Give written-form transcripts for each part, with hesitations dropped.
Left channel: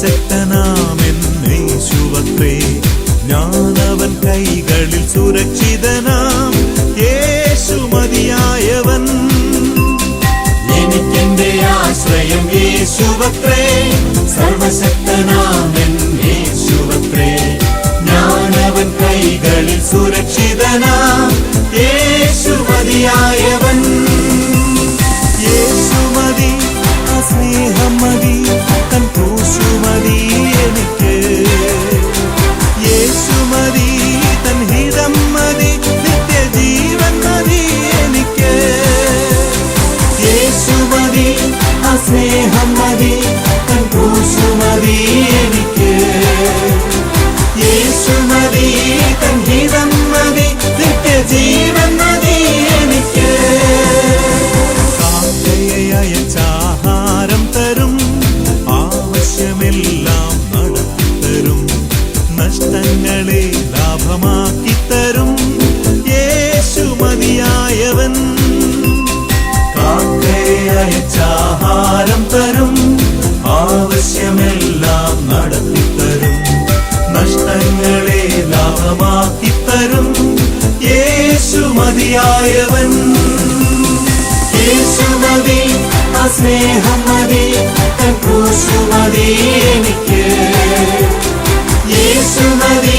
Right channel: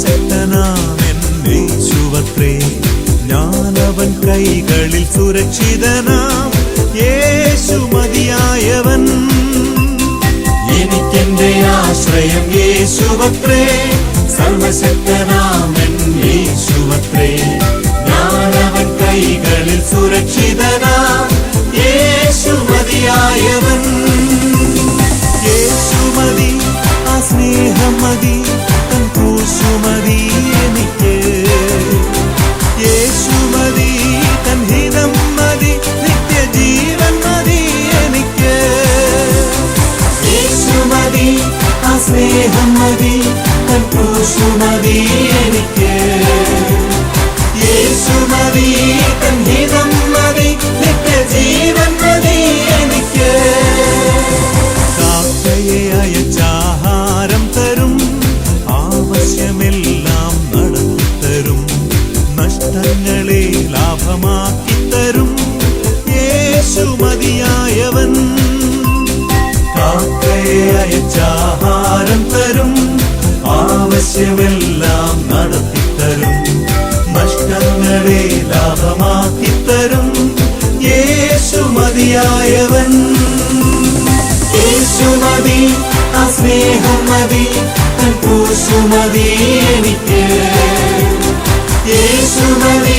സർവശക്തനാമെൻ യേശുവത്രേ, ഞാനവൻ കൈകളിൽ സുരക്ഷിതനാം. യേശു മതിയായവൻ, എനിക്കെന്റെ ആശ്രയം യേശുവത്രേ, സർവശക്തനാമെൻ യേശുവത്രേ, ഞാനവൻ കൈകളിൽ സുരക്ഷിതനാം. യേശു മതിയായവൻ, യേശു മതി, ആ സ്നേഹം മതി, തൻ ക്രൂശു മതി എനിക്ക്. യേശു മതി, തൻ ഹിതം മതി, നിത്യജീവൻ മതി എനിക്ക്. യേശു മതി, ആ സ്നേഹം മതി, തൻ ക്രൂശു മതി എനിക്ക്. യേശു മതി, തൻ ഹിതം മതി, നിത്യജീവൻ മതി എനിക്ക്. കാക്കയെ അയച്ചാഹാരം തരും, ആവശ്യമെല്ലാം നടത്തിത്തരും, നഷ്ടങ്ങളെ ലാഭമാക്കി തരും. യേശു മതിയായവൻ, കാക്കയെ അയച്ചാഹാരം തരും, ആവശ്യമെല്ലാം നടത്തിത്തരും, നഷ്ടങ്ങളെ ലാഭമാക്കി തരും. യേശു മതിയായവൻ, യേശു മതി, ആ സ്നേഹം മതി, തൻ ക്രൂശു മതി എനിക്ക്. യേശു മതി,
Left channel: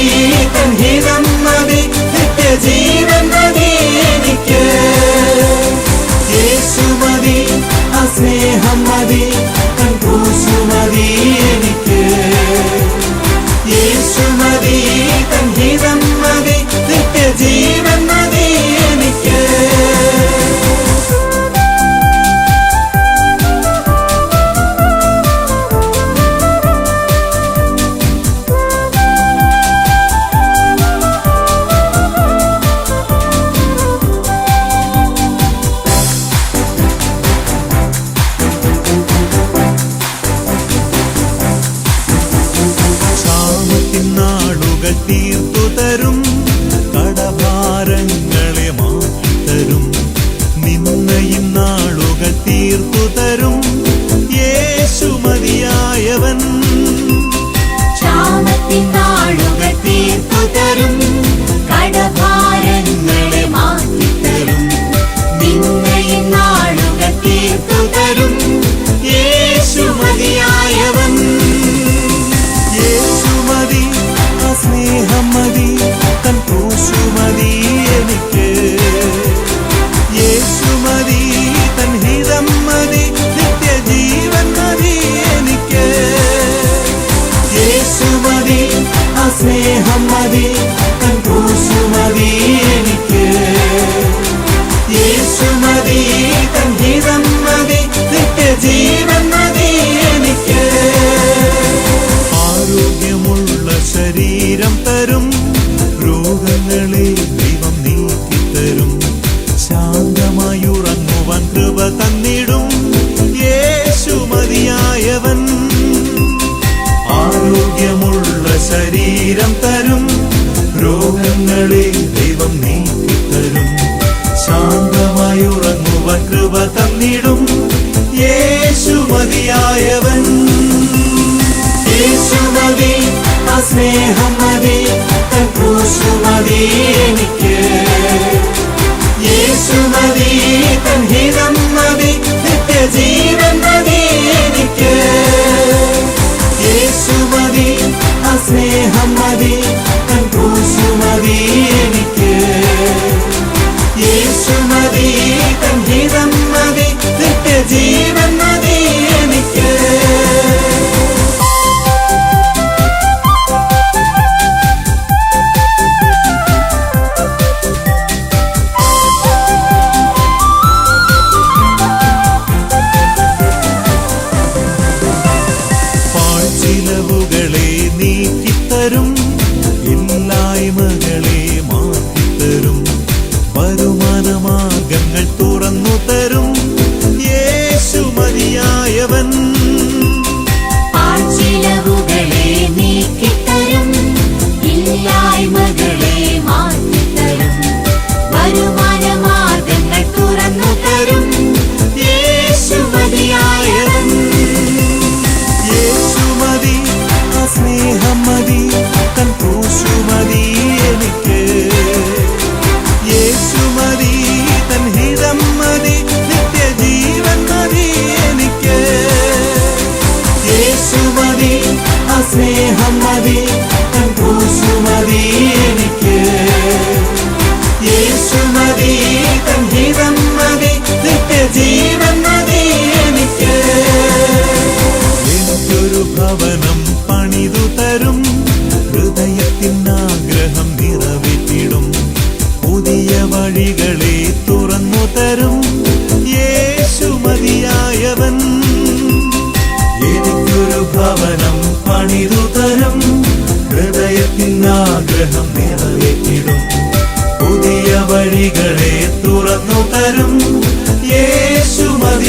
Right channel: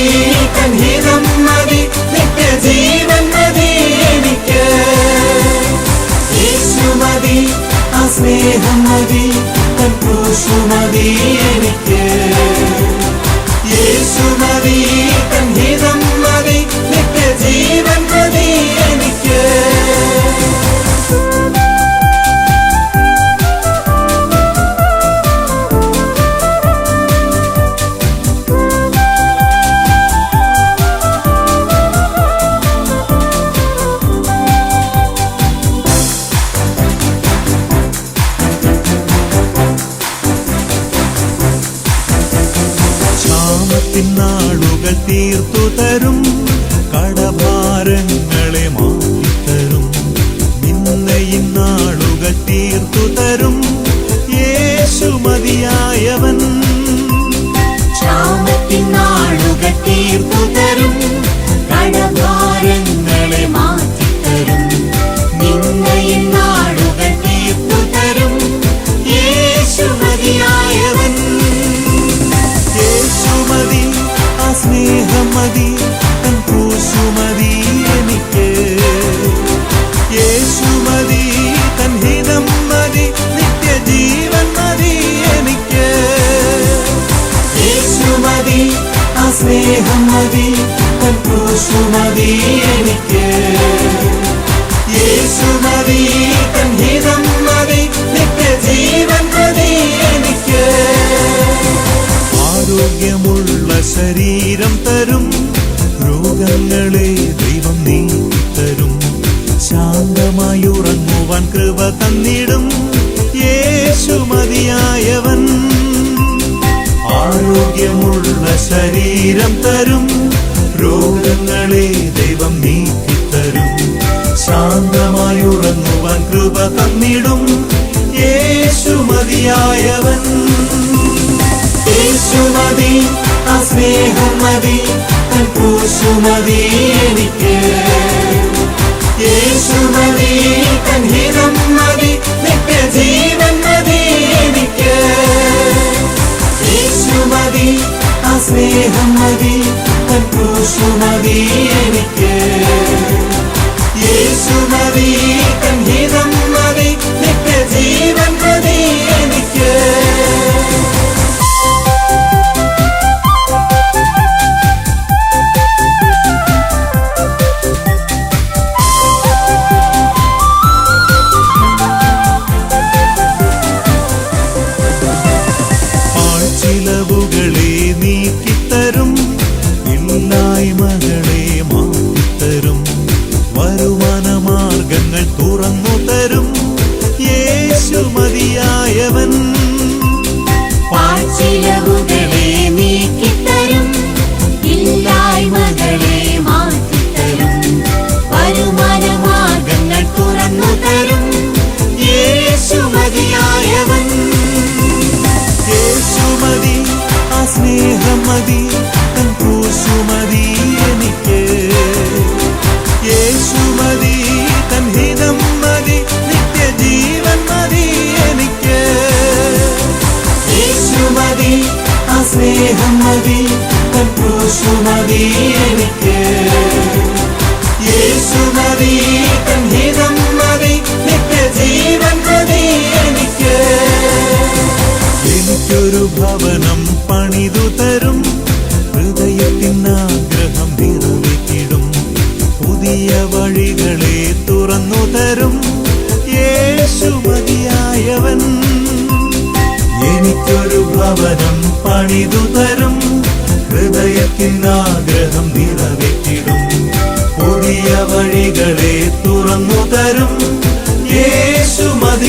തൻ ഹിതം മതി, നിത്യജീവൻ മതി എനിക്ക്. യേശു മതി, ആ സ്നേഹം മതി, തൻ ക്രൂശു മതി എനിക്ക്. യേശു മതി, തൻ ഹിതം മതി, നിത്യജീവൻ മതി എനിക്ക്. ക്ഷാമത്തിനാളുകൾ തീർത്തു തരും, കടഭാരങ്ങളെ മാറ്റിത്തരും, നിന്നയും നാളുകൾ തീർത്തു തരും. യേശു മതിയായവൻ, ക്ഷാമത്തിനാളുകൾ തീർത്തു തരും, കടഭാരങ്ങളെ മാറ്റിത്തരും, നിന്നയും നാളുകൾ തീർത്തു തരും. യേശു മതിയായവൻ, യേശു മതി, ആ സ്നേഹം മതി, തൻ ക്രൂശു മതി എനിക്ക്. യേശു മതി, തൻ ഹിതം മതി, നിത്യജീവൻ മതി എനിക്ക്. യേശു മതി, ആ സ്നേഹം മതി, തൻ ക്രൂശു മതി എനിക്ക്. യേശു മതി, തൻ ഹിതം മതി, നിത്യജീവൻ മതി എനിക്ക്. ആരോഗ്യമുള്ള ശരീരം തരും, രോഗങ്ങളെ ദൈവം നീക്കിത്തരും, ശാന്തമായി ഉറങ്ങുവാൻ കൃപ തന്നിടും. യേശു മതിയായവൻ, ആരോഗ്യമുള്ള ശരീരം തരും, രോഗങ്ങളെ ദൈവം നീക്കിത്തരും, ശാന്തമായി ഉറങ്ങുവാൻ കൃപ തന്നിടും. യേശു മതിയായവൻ, യേശു മതി, ആ സ്നേഹം മതി, തൻ ക്രൂശു മതി എനിക്ക്. യേശു മതി, തൻ ഹിതം മതി, നിത്യജീവൻ മതി എനിക്ക്. യേശു മതി, ആ സ്നേഹം മതി, തൻ ക്രൂശു മതി എനിക്ക്. യേശു മതി, തൻ ഹിതം മതി, നിത്യജീവൻ മതി എനിക്ക്.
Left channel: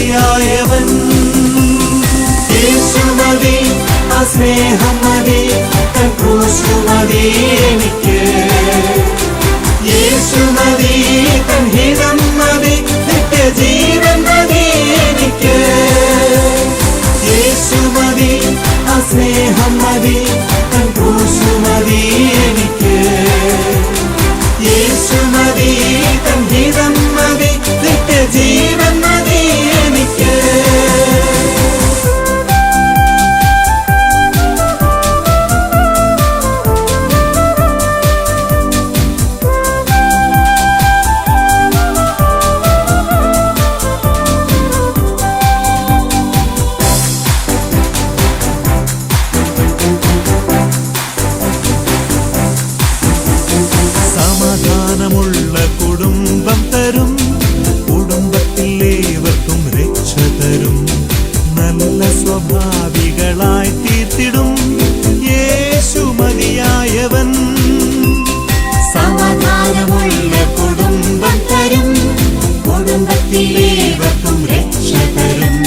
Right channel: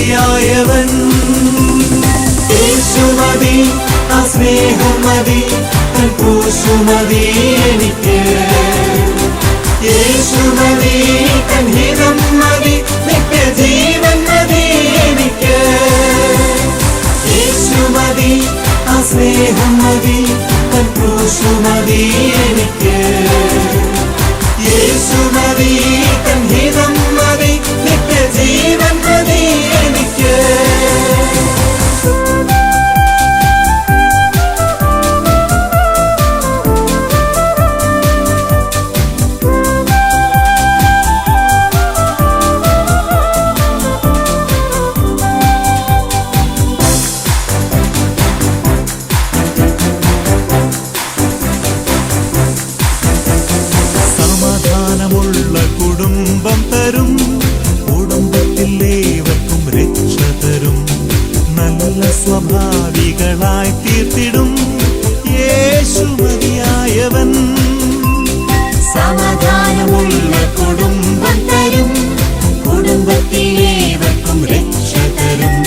മതിയായവൻ യേശുമതി ആ സ്നേഹം മതി തൻ ക്രൂശു മതി എനിക്ക് യേശുമതി തൻ ഹിതം മതി നിത്യജീവൻ മതി എനിക്ക് യേശുമതി ആ സ്നേഹം മതി തൻ ക്രൂശു മതി എനിക്ക് യേശുമതി തൻ ഹിതം മതി നിത്യജീവൻ മതി എനിക്ക് സമാധാനമുള്ള കുടുംബം തരും കുടുംബത്തിൽ ഏവർക്കും രക്ഷ തരും നല്ല സ്വഭാവികളായി തീർത്തിടും യേശു മതിയായവൻ സമാധാനമുള്ള കുടുംബം തരും കുടുംബത്തിലേവർക്കും രക്ഷ തരും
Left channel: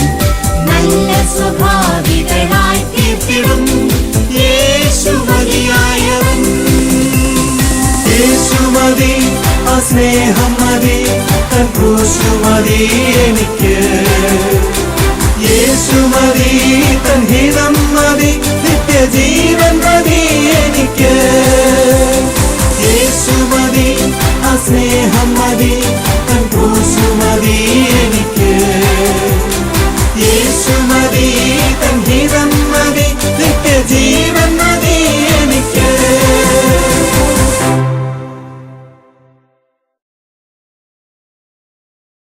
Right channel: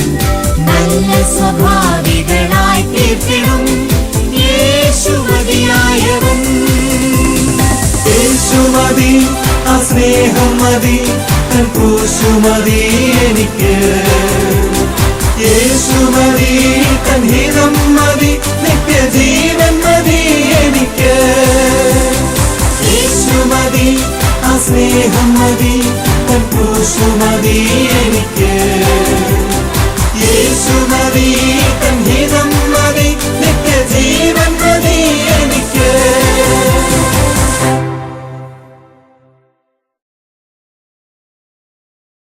നല്ല സ്വഭാവികളായി തീർത്തിടും യേശു മതിയായവൻ യേശുമതി ആ സ്നേഹം മതി തൻ ക്രൂശു മതി എനിക്ക്